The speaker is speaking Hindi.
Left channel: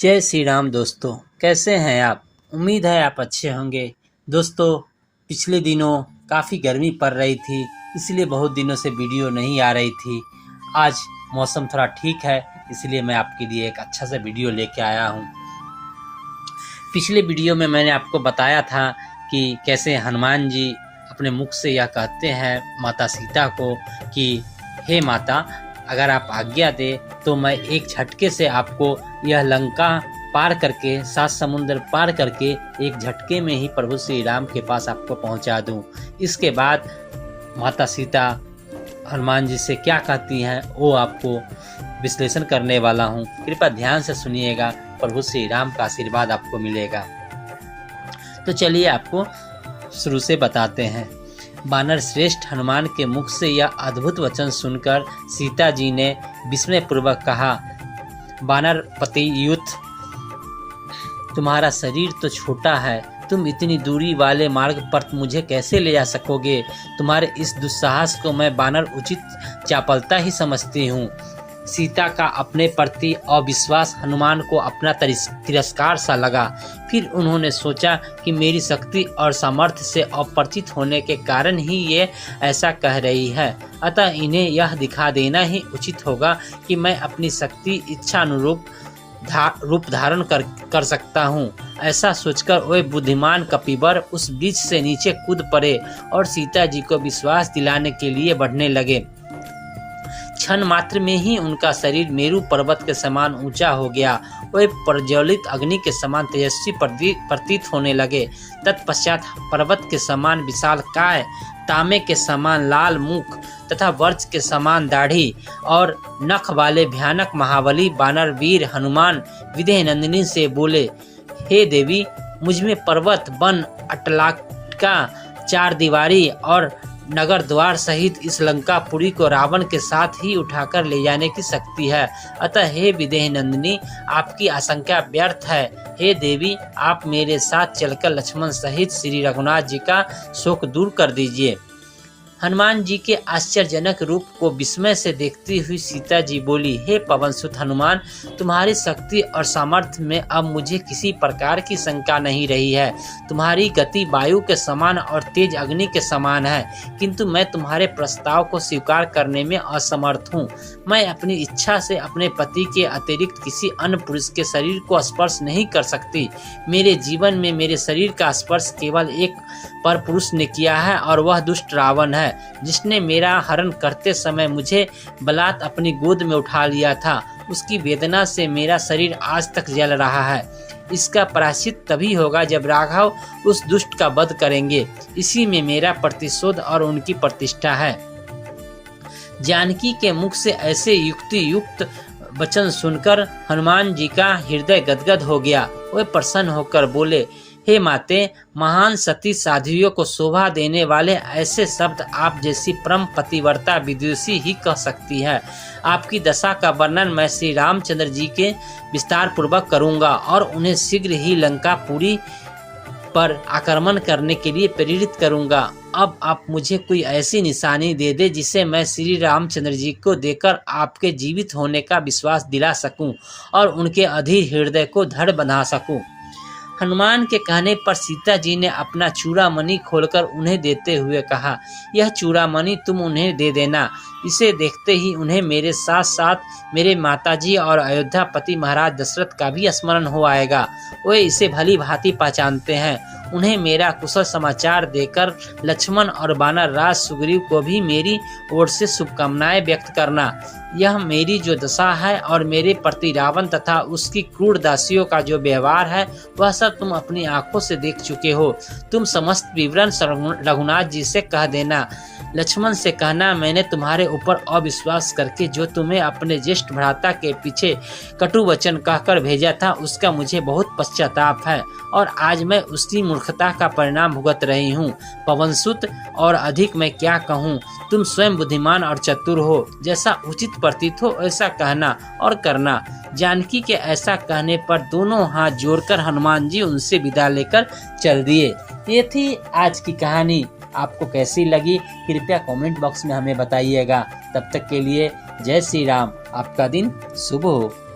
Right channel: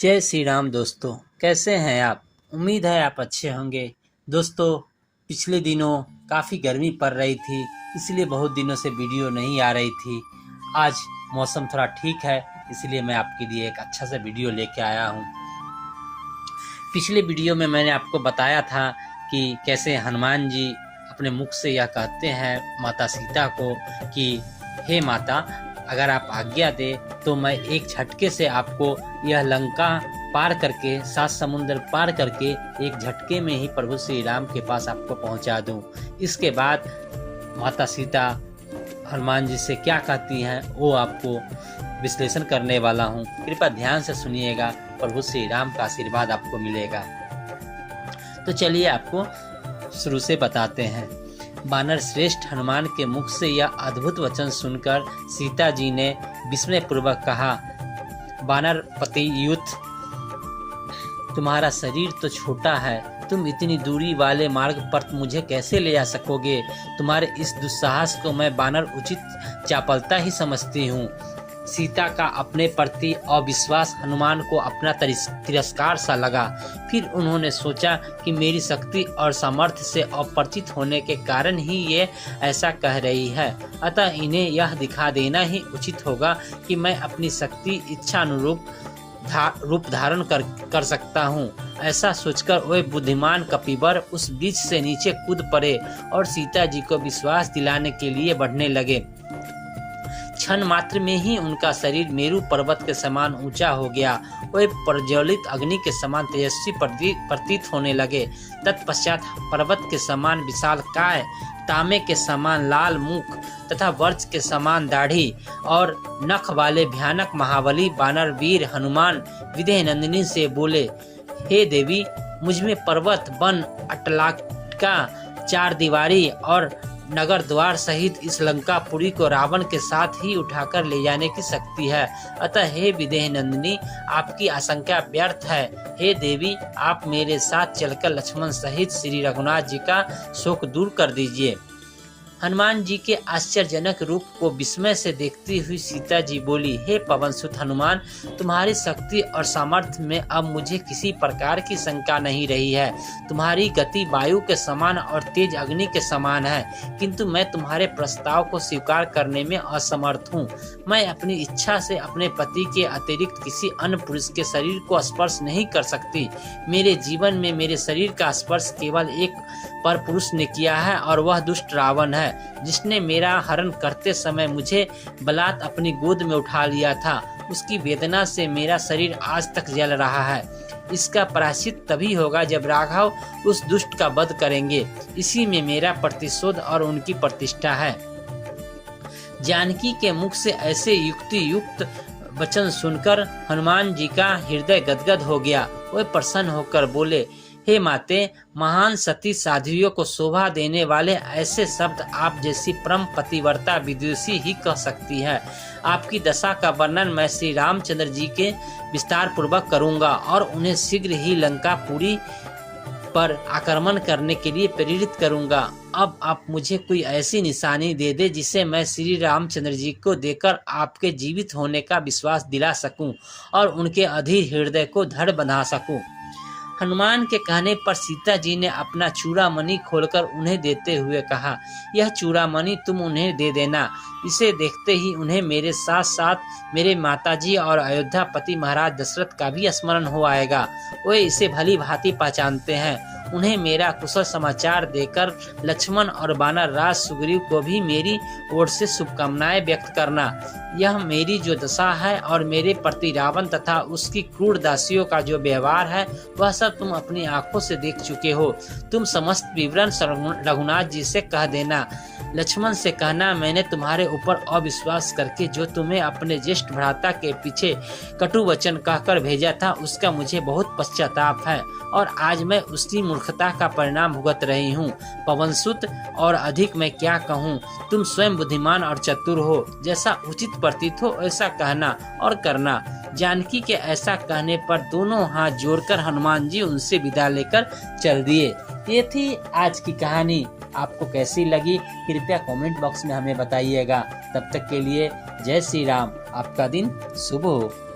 जय श्री राम दोस्तों, कैसे हैं आप। उम्मीद है आप अच्छे होंगे। दोस्तों, पिछले दिनों काफ़ी गर्मी पड़ रही थी, इसलिए बहुत दिनों से वीडियो नहीं आ रही थी। आज मौसम थोड़ा ठीक है, इसलिए मैं आपके लिए एक अच्छा सा वीडियो लेके आया हूँ। पिछले वीडियो में मैंने आपको बताया था कि कैसे हनुमान जी अपने मुख से यह कहते हैं माता सीता को कि हे माता, अगर आप आज्ञा दे तो मैं एक झटके से आपको यह लंका पार करके, 7 समुद्र पार करके एक झटके में ही प्रभु श्री राम के पास आपको पहुंचा दूं। इसके बाद माता सीता हनुमान जी से क्या कहती हैं वो आपको विश्लेषण करने वाला हूं। कृपया ध्यान से सुनिएगा, प्रभु श्री राम का आशीर्वाद आपको मिलेगा। तो चलिए आपको शुरू से बताते हैं। वानर श्रेष्ठ हनुमान के मुख से यह अद्भुत वचन सुनकर सीता जी ने विस्मय पूर्वक कहा, वानर पतियुत, तुम्हारा शरीर तो छोटा है, तुम इतनी दूरी वाले मार्ग पर मुझे कैसे ले जा सकोगे। तुम्हारे इस दुस्साहस को मैं वानर उचित चापलता ही समझती हूँ। सीता का अपने प्रति अविश्वास हनुमान को अपना तिरस्कार सा लगा। फिर उन्होंने सोचा कि मेरी शक्ति और सामर्थ्य से अपरिचित होने के कारण ही ये ऐसा कह रही है, अतः इन्हें यह दिखा देना ही उचित होगा कि मैं अपनी शक्ति इच्छा अनुरूप रूप धारण कर सकता हूँ। ऐसा सोचकर वे बुद्धिमान कपिवर उस वृक्ष से नीचे कूद पड़े और सीता जी को विश्वास दिलाने के लिए बढ़ने लगे। क्षण मात्र में ही उनका शरीर मेरू पर्वत के समान ऊंचा हो गया। वे प्रज्वलित अग्नि के समान तेजस्वी प्रतीत होने लगे। तत्पश्चात पर्वत के समान विशाल काय, तांबे के समान लाल मुख तथा वज्र के समान दाढ़ी और नख वाले भयानक महाबली वानर वीर हनुमान विदेह नंदिनी से बोले, हे देवी, मुझमें पर्वत, वन, अटलाका, 4 दीवारी और नगर द्वार सहित इस लंकापुरी को रावण के साथ ही उठाकर ले जाने की शक्ति है। अतः हे विदेह नंदिनी, आपकी आशंका व्यर्थ है। हे देवी, आप मेरे साथ चलकर लक्ष्मण सहित श्री रघुनाथ जी का शोक दूर कर दीजिए। हनुमान जी के आश्चर्यजनक रूप को विस्मय से देखती हुई सीता जी बोली, हे पवनसुत हनुमान, तुम्हारी शक्ति और सामर्थ्य में अब मुझे किसी प्रकार की शंका नहीं रही है। तुम्हारी गति वायु के समान और तेज अग्नि के समान है, किंतु मैं तुम्हारे प्रस्ताव को स्वीकार करने में असमर्थ हूँ। मैं अपनी इच्छा से अपने पति के अतिरिक्त किसी अन्य पुरुष के शरीर को स्पर्श नहीं कर सकती। मेरे जीवन में मेरे शरीर का स्पर्श केवल एक पर पुरुष ने किया है और वह दुष्ट रावण है, जिसने मेरा हरण करते समय मुझे बलात् अपनी गोद में उठा लिया था। उसकी वेदना से मेरा शरीर आज तक जल रहा है। इसका प्रायश्चित तभी होगा जब राघव उस दुष्ट का वध करेंगे। इसी में मेरा प्रतिशोध और उनकी प्रतिष्ठा है। जानकी के मुख से ऐसे युक्ति युक्त वचन सुनकर हनुमान जी का हृदय गदगद हो गया। वे प्रसन्न होकर बोले, हे माते, महान सती साध्वियों को शोभा देने वाले ऐसे शब्द आप जैसी परम पतिव्रता विदुषी ही कह सकती है। आपकी दशा का वर्णन मैं श्री रामचंद्र जी के विस्तार पूर्वक करूंगा और उन्हें शीघ्र ही लंकापुरी पर आक्रमण करने के लिए प्रेरित करूंगा। अब आप मुझे कोई ऐसी निशानी दे दे जिसे मैं श्री रामचंद्र जी को देकर आपके जीवित होने का विश्वास दिला सकूं और उनके अधीर हृदय को धड़ बना सकूं। हनुमान के कहने पर सीता जी ने अपना चूड़ामणि खोलकर उन्हें देते हुए कहा, यह चूड़ामणि तुम उन्हें दे देना। इसे देखते ही उन्हें मेरे साथ साथ मेरे माताजी और अयोध्यापति महाराज दशरथ का भी स्मरण हो आएगा। वे इसे भली भांति पहचानते हैं। उन्हें मेरा कुशल समाचार देकर लक्ष्मण और वानर राज सुग्रीव को भी मेरी ओर से शुभकामनाएं व्यक्त करना। यह मेरी जो दशा है और मेरे प्रति रावण तथा उसकी क्रूर दासियों का जो व्यवहार है, वह सब तुम अपनी आंखों से देख चुके हो। तुम समस्त विवरण रघुनाथ जी से कह देना। लक्ष्मण से कहना, मैंने तुम्हारे ऊपर अविश्वास करके जो तुम्हें अपने ज्येष्ठ भ्राता के पीछे कटु वचन कहकर भेजा था, उसका मुझे बहुत पश्चाताप है और आज मैं उसकी मूर्खता का परिणाम भुगत रही हूँ। पवनसुत, और अधिक मैं क्या कहूँ, तुम स्वयं बुद्धिमान और चतुर हो। जैसा उचित प्रतीत हो ऐसा कहना और करना। जानकी के ऐसा कहने पर दोनों हाथ जोड़कर हनुमान जी उनसे विदा लेकर चल दिए। ये थी आज की कहानी। आपको कैसी लगी कृपया कमेंट बॉक्स में हमें बताइएगा। तब तक के लिए जय श्री राम। आपका दिन शुभ हो।